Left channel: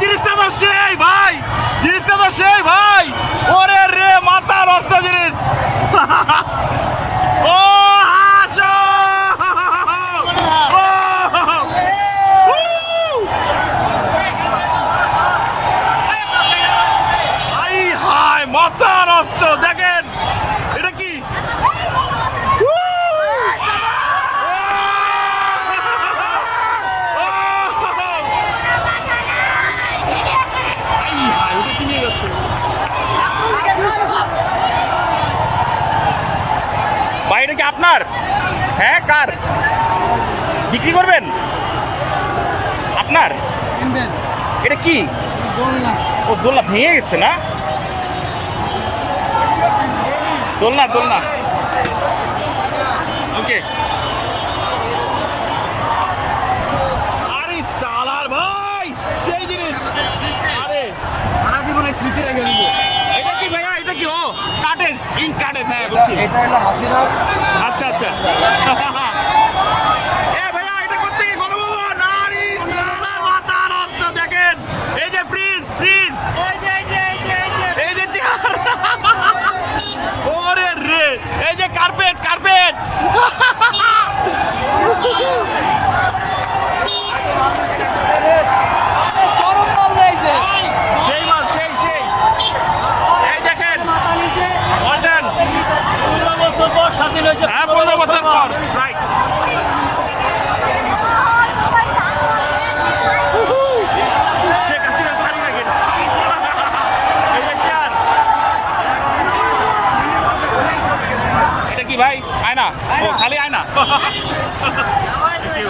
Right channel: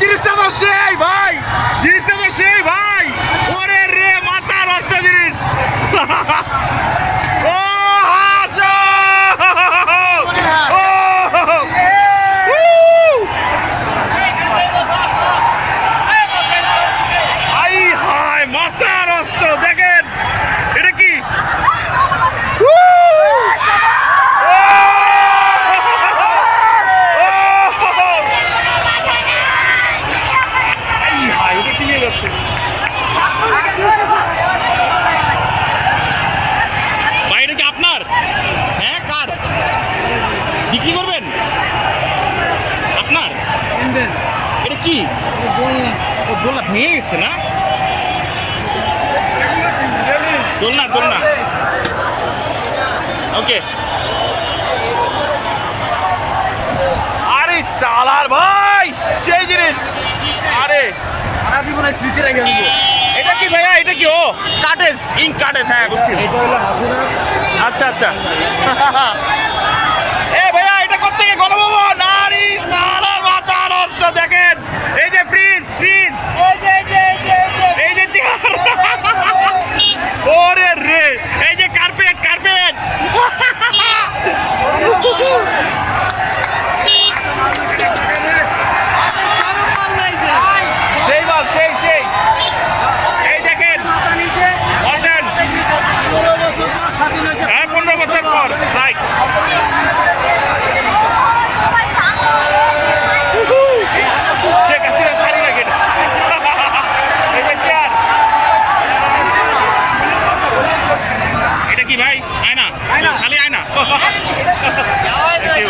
জিনিসটা তো সেই ভাই, জিনিসটা তো সেই ভাই। ওরে রে মাথা নষ্ট জিনিস। ও হাসো, আই হায় মাথা নষ্ট। দেখেন এটা কি, বাইরে যে আপনার? হ্যাঁ, কার বিক্রি করবেন আপনার? এটা কি? ও দোলনা ভেঙে গেছে না? দোলনা দোলনা, ওকে। আরে সালার ভাই সেই জিনিস। আরে সারা জীবনের স্মৃতি রেখে দিল। এটা কি ভাইয়া? এটা কি? ও কাটেজ, ইঙ্ক কাটেজ। হ্যাঁ বুঝছি। আচ্ছা আচ্ছা। এ ভাইয়া এটা কোত্থেকে? গণভবন। আরে সালার মাথা নষ্ট। দেখেন এই যে ফ্রিজ, ফ্রিজ, এই যে চেয়ার, ওরে রে এই যে কার্পেট, কার্পেট। সেই মাল, সেই সেই। এই দেখেন 15 বছর পর স্বাধীন হয়েছে। হ্যাঁ 15 বছর পর, রাইট। এটা কি ভাই? আয়না? খালি আয়না। Thank you.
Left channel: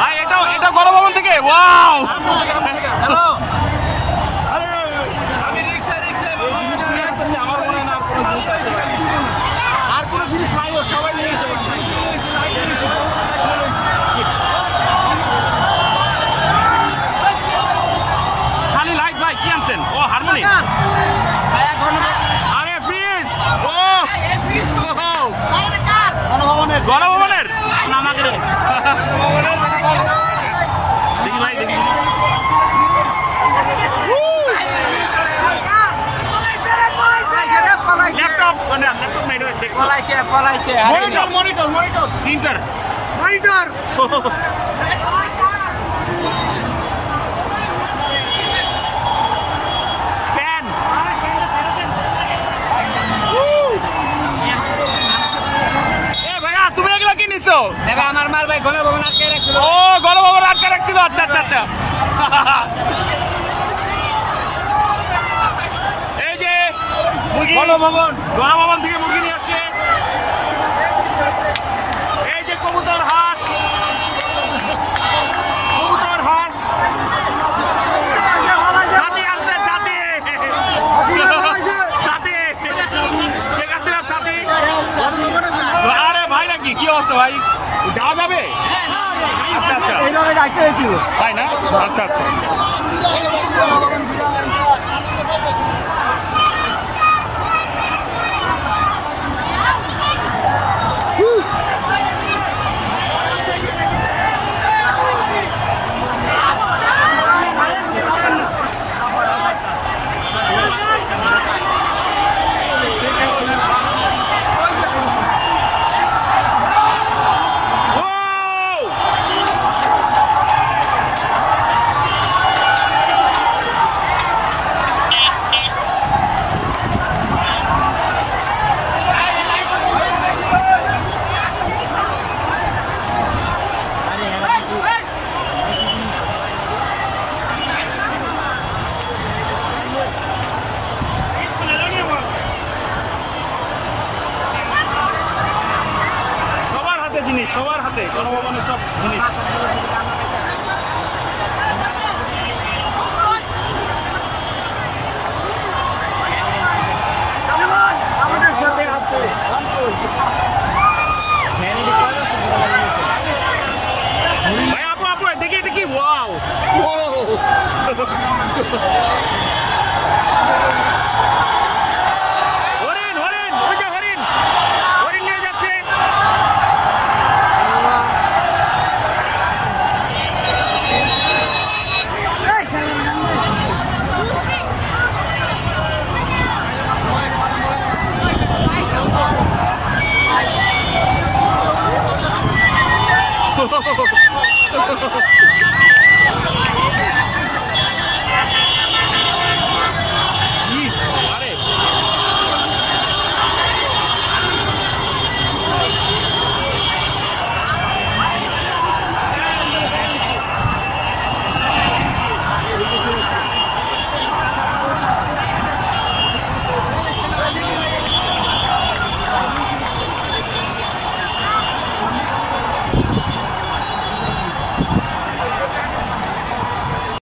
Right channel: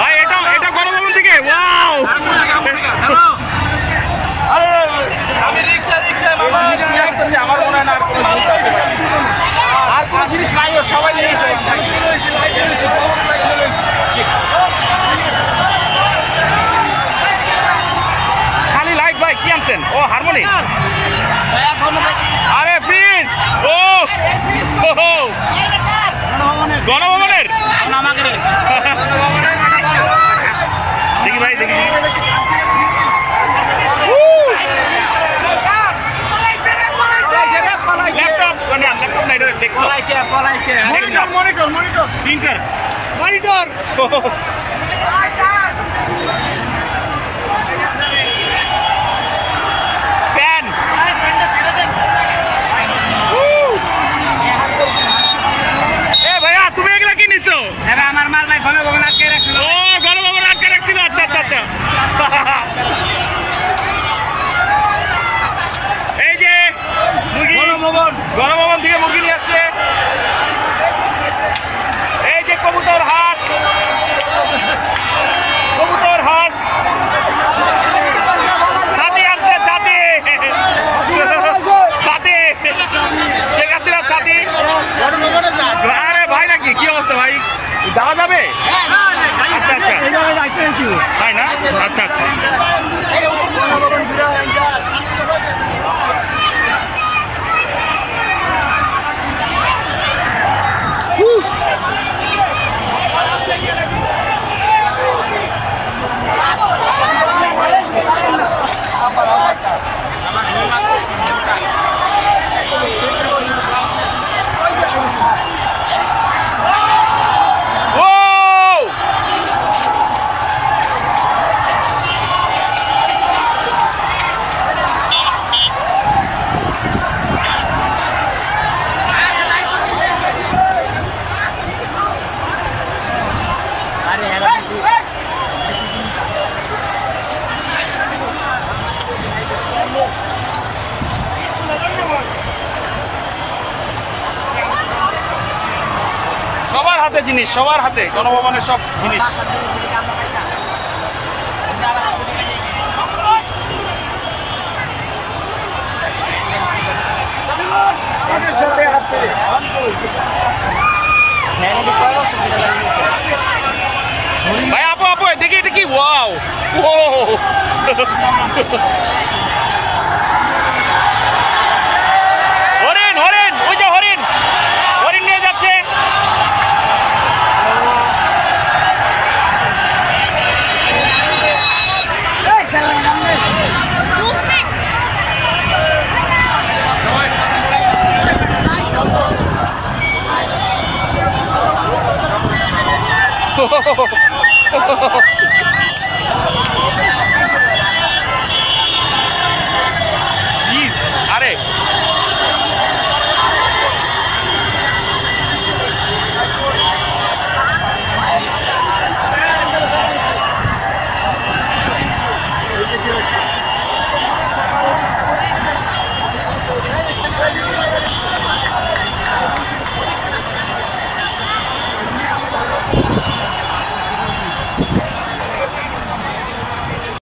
ভাই এটা এটা গণভবন থেকে। ওয়াও, খালি লাইট ভাই। কি আনছেন? ও হারমোনি। আরে ফ্রিজ। ও গণভবনের। দেখি ভাই, দেখি ল্যাপটপ, ল্যাপটপ নাই, monitor, monitor, monitor, printer, monitor. Fan. এ ভাইয়া তুমি এগুলা কি নিছো? আমার মাল ভাই গণভবন আটকে রাখছিল। ও গণভবন আটকে রাখছিল। আচ্ছা আচ্ছা আচ্ছা। এই যে গণভবন, গণভবন থেকে মুরগি নিয়ে আসছে। এই যে কবুতর, হাঁস, কবুতর, হাঁস। ছাতি আনছে, ছাতি, ছাতি, শেখ হাসিনার ছাতি। আরে ভাই নাকি, কি অবস্থা ভাই? যাওয়া যাবে? আচ্ছা আচ্ছা, তাই না? আচ্ছা আচ্ছা। জিনিস সবার হাতে, গণভবনের সব জিনিস। আমাদের সাথে আছে ভাই। আপু আপু দেখি এটা কি? ওয়াও, ও